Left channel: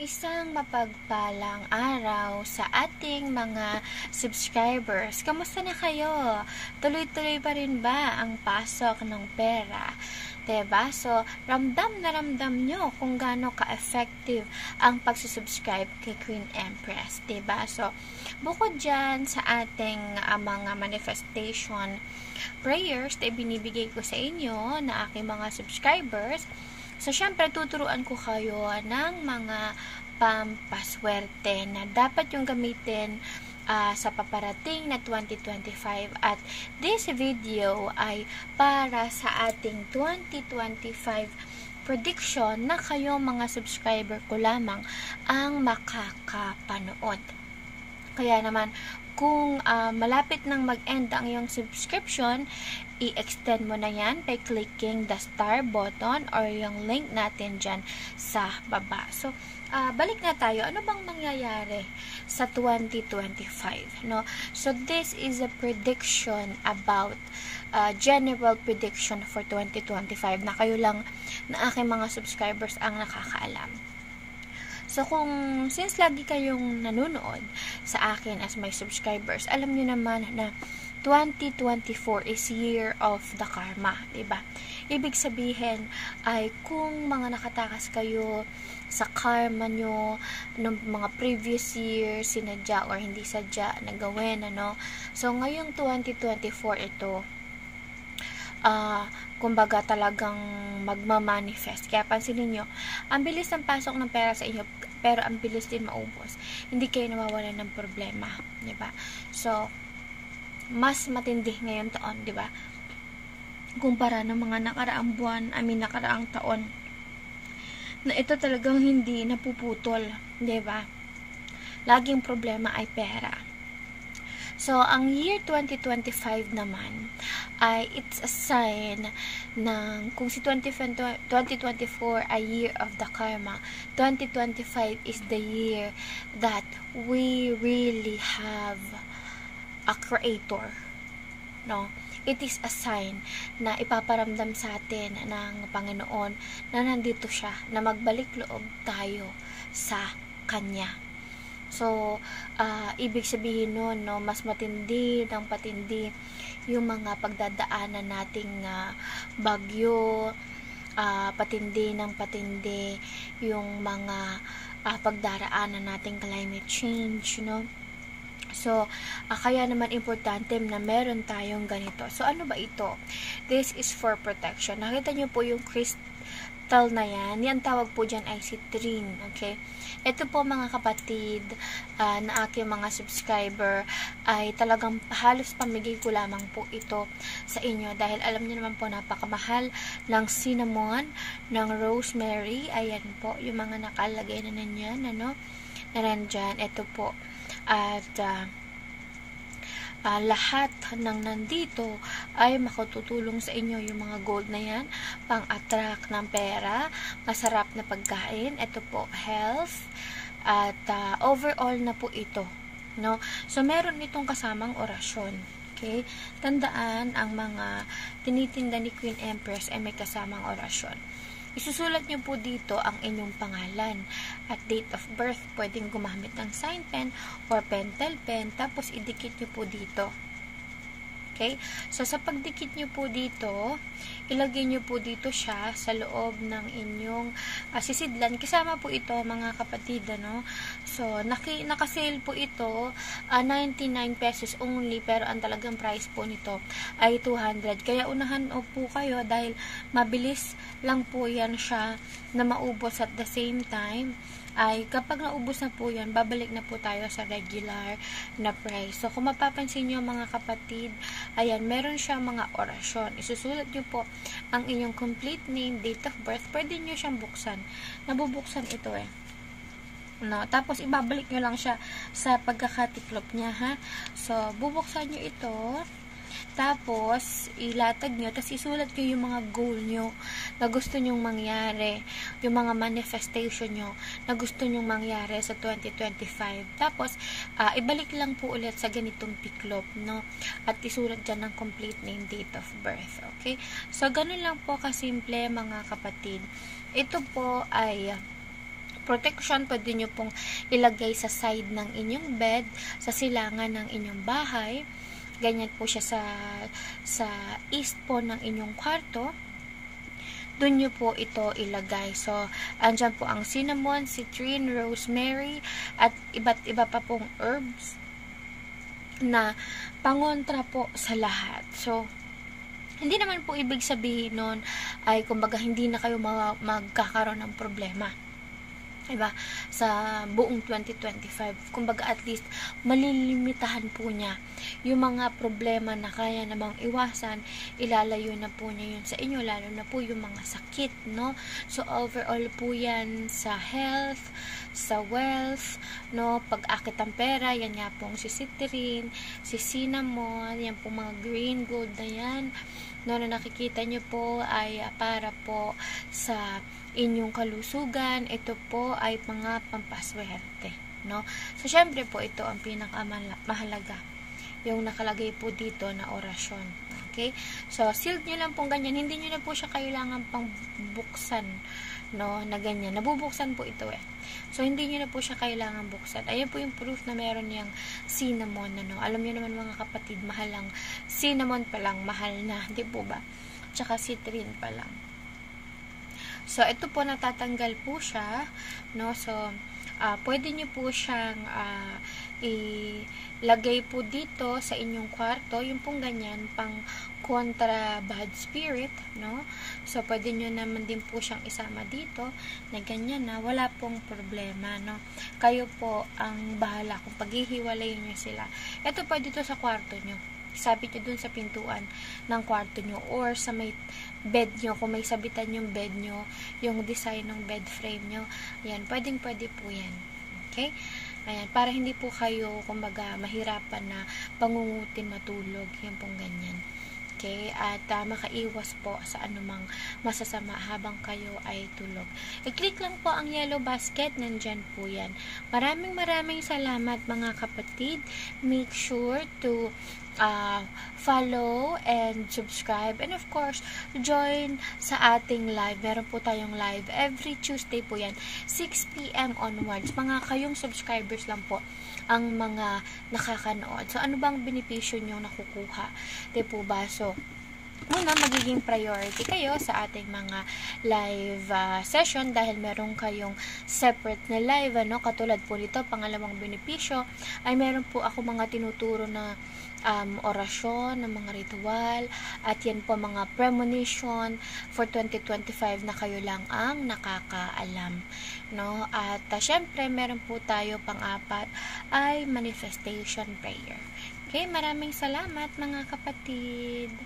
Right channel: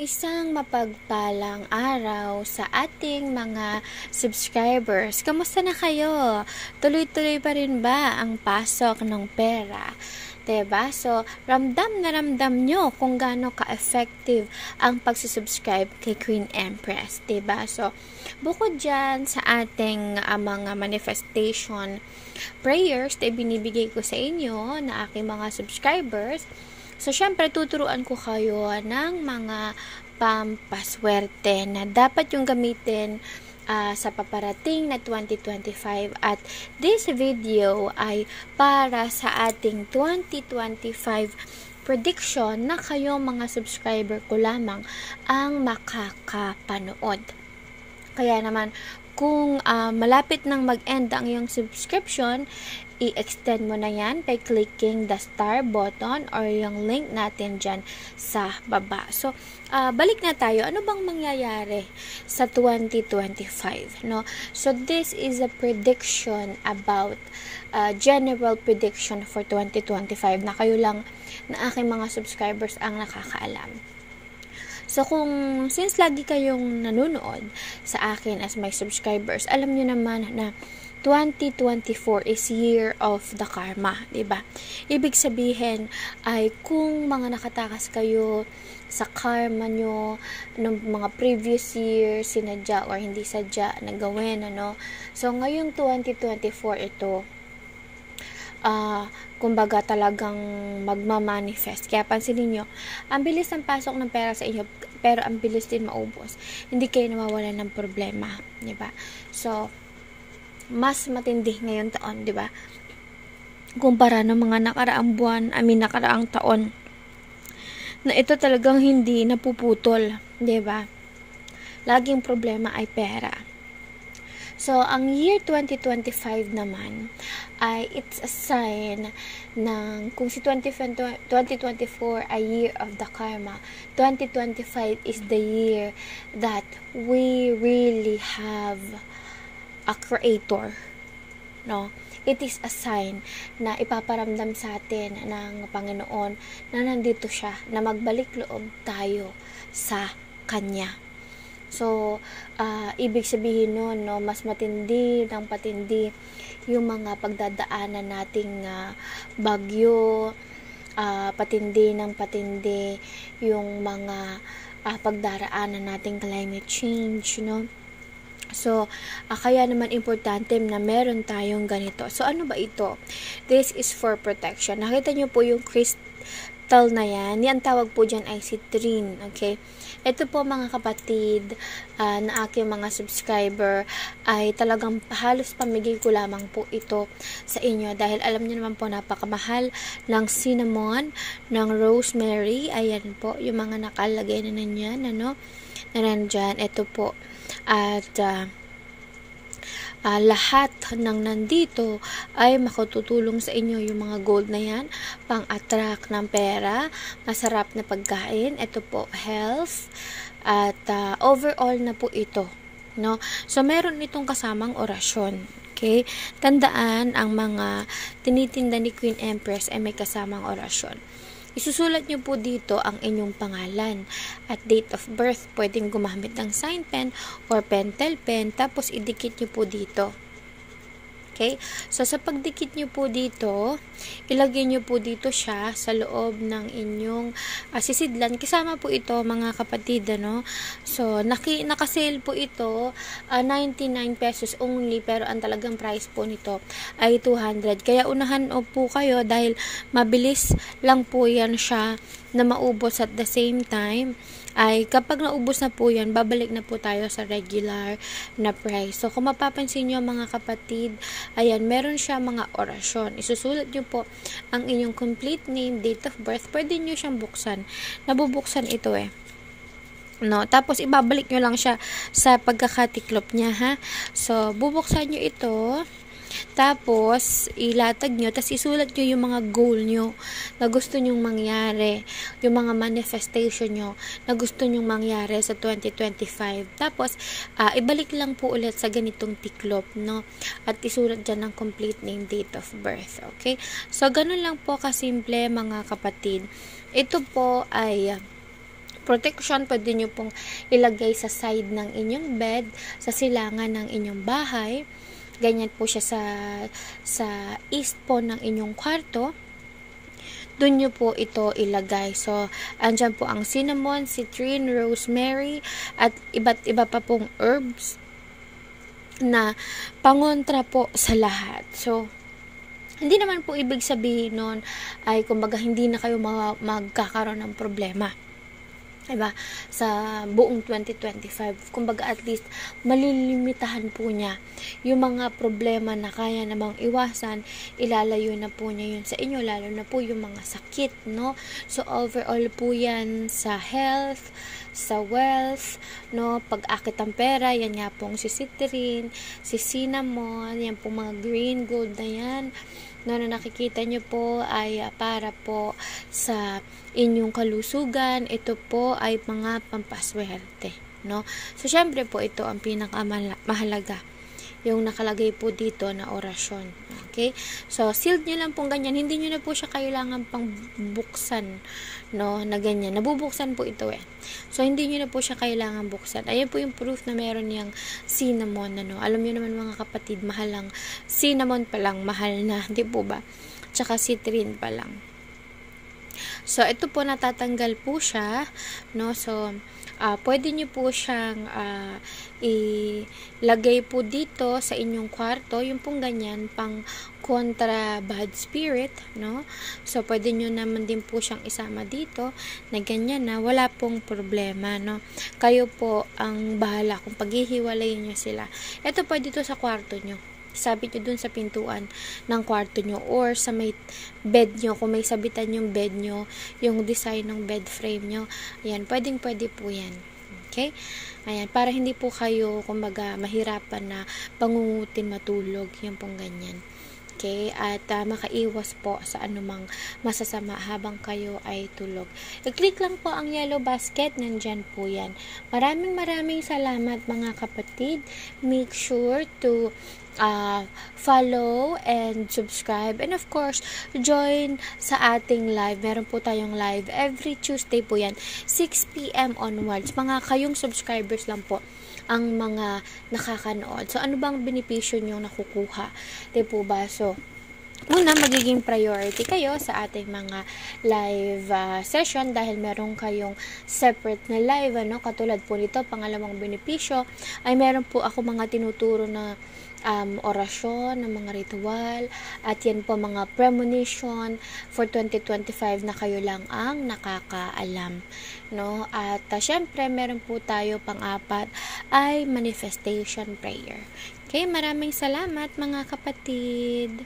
Isang mapagpalang araw sa ating mga subscribers. Kamusta na kayo? Tuloy-tuloy pa rin ba ang pasok ng pera? Diba? So, ramdam na ramdam nyo kung gaano ka-effective ang pagsusubscribe kay Queen Empress. Diba? So, bukod dyan sa ating mga manifestation prayers na ibinibigay ko sa inyo na aking mga subscribers, so, syempre, tuturuan ko kayo ng mga pampaswerte na dapat yung gamitin sa paparating na 2025. At this video ay para sa ating 2025 prediction na kayo mga subscriber ko lamang ang makakapanood. Kaya naman, kung malapit nang mag-end ang iyong subscription, i-extend mo na yan by clicking the star button or yung link natin dyan sa baba. So, balik na tayo. Ano bang mangyayari sa 2025? No? So, this is a prediction about general prediction for 2025 na kayo lang na aking mga subscribers ang nakakaalam. So, since lagi kayong nanonood sa akin as my subscribers, alam nyo naman na 2024 is year of the karma, diba? Ibig sabihin ay kung mga nakatakas kayo sa karma nyo ng mga previous years, sinadya or hindi sadya na gawin, ano? So, ngayong 2024 ito, kumbaga talagang magmamanifest. Kaya pansinin nyo, ang bilis ng pasok ng pera sa inyo, pero ang bilis din maubos. Hindi kayo nawawalan ng problema, diba? So, mas matindi ngayon taon, di ba? Kumpara ng mga nakaraang buwan, nakaraang taon, na ito talagang hindi napuputol, di ba? Laging problema ay pera. So, ang year 2025 naman, ay it's a sign ng kung si 2024 ay year of the karma, 2025 is the year that we really have a creator, no? It is a sign na ipaparamdam sa atin ng Panginoon na nandito siya, na magbalik loob tayo sa Kanya. So, ibig sabihin nun, no, mas matindi ng patindi yung mga pagdadaanan nating bagyo, patindi ng patindi yung mga pagdaraanan nating climate change, no? So, kaya naman importante na meron tayong ganito. So, ano ba ito? This is for protection. Nakita nyo po yung crystal na yan. Yan tawag po dyan ay citrine. Okay? Ito po mga kapatid na aking mga subscriber ay talagang halos pamigay ko lamang po ito sa inyo. Dahil alam nyo naman po napakamahal ng cinnamon, ng rosemary. Ayan po, yung mga nakalagay na nanyan, ano? Na nandyan. Ito po. At lahat ng nandito ay makatutulong sa inyo. Yung mga gold na yan, pang-attract ng pera, masarap na pagkain, ito po, health, at overall na po ito, no? So, meron itong kasamang orasyon. Okay? Tandaan, ang mga tinitinda ni Queen Empress ay may kasamang orasyon. Isusulat nyo po dito ang inyong pangalan at date of birth. Pwedeng gumamit ng sign pen or pentel pen. Tapos, idikit nyo po dito. Okay? So, sa pagdikit nyo po dito, ilagay nyo po dito siya sa loob ng inyong sisidlan. Kasama po ito, mga kapatid, ano? So, nakasale po ito, 99 pesos only, pero ang talagang price po nito ay 200. Kaya unahan po kayo dahil mabilis lang po yan siya na maubos at the same time ay kapag naubos na po yan, babalik na po tayo sa regular na price. So, kung mapapansin nyo mga kapatid, ayan, meron siya mga orasyon. Isusulat nyo po ang inyong complete name, date of birth. Pwede nyo siyang buksan. Nabubuksan ito no? Tapos, ibabalik nyo lang siya sa pagkakatiklop niya, ha? So, bubuksan nyo ito. Tapos, ilatag nyo, tapos isulat nyo yung mga goal nyo na gusto nyong mangyari, yung mga manifestation nyo na gusto nyong mangyari sa 2025. Tapos, ibalik lang po ulit sa ganitong tiklop, no? At isulat dyan ng complete name, date of birth, okay? So, ganun lang po kasimple, mga kapatid. Ito po ay protection, pwede nyo pong ilagay sa side ng inyong bed, sa silangan ng inyong bahay. Ganyan po siya sa east po ng inyong kwarto. Doon nyo po ito ilagay. So, andyan po ang cinnamon, citrine, rosemary, at iba't iba pa pong herbs na pangontra po sa lahat. So, hindi naman po ibig sabihin nun ay kumbaga hindi na kayo magkakaroon ng problema. Diba? Sa buong 2025. Kumbaga at least malilimitahan po niya yung mga problema na kaya namang iwasan, ilalayo na po niya yun sa inyo, lalo na po yung mga sakit, no? So overall po yan sa health, sa wealth, no? Pag-akit ang pera, yan nga pong si citrine, si cinnamon, yan pong mga green gold na yan, no, na nakikita nyo po ay para po sa inyong kalusugan. Ito po ay mga pampaswerte, no? So, syempre po, ito ang pinakamahalaga. Yung nakalagay po dito na orasyon. Okay? So, sealed nyo lang pong ganyan. Hindi nyo na po siya kailangan pang buksan, no, na ganyan. Nabubuksan po ito eh. So, hindi nyo na po siya kailangan buksan. Ayan po yung proof na meron niyang cinnamon, ano. Alam nyo naman mga kapatid, mahal lang. Cinnamon pa lang, mahal na. Di po ba? Tsaka citrine pa lang. So, ito po natatanggal po siya, no? So, pwede nyo po siyang ilagay po dito sa inyong kwarto, yung pong ganyan, pang kontra bad spirit, no? So, pwede nyo naman din po siyang isama dito, na ganyan na, wala pong problema, no? Kayo po ang bahala kung paghihiwalayin nyo sila. Ito pwede to sa kwarto nyo. Sabit nyo dun sa pintuan ng kwarto nyo or sa may bed nyo, kung may sabitan yung bed nyo, yung design ng bed frame nyo, ayan, pwede po yan. Okay? Ayan, para hindi po kayo, kumbaga, mahirapan na pangungutin matulog, yan pong ganyan. Okay? At makaiwas po sa anumang masasama habang kayo ay tulog. I-click lang po ang yellow basket, nandyan po yan. Maraming salamat mga kapatid. Make sure to follow and subscribe, and of course join sa ating live. Meron po tayong live every Tuesday po yan, 6 PM onwards. Mga kayong subscribers lang po ang mga nakakanood. So ano bang benepisyo nyo nakukuha, di po ba? So una, magiging priority kayo sa ating mga live session dahil meron kayong separate na live, ano? Katulad po nito, pangalawang benepisyo ay meron po ako mga tinuturo na orasyon, ng mga ritual, at yan po mga premonition for 2025 na kayo lang ang nakakaalam, no? At syempre meron po tayo pang-apat ay manifestation prayer. Okay, maraming salamat mga kapatid.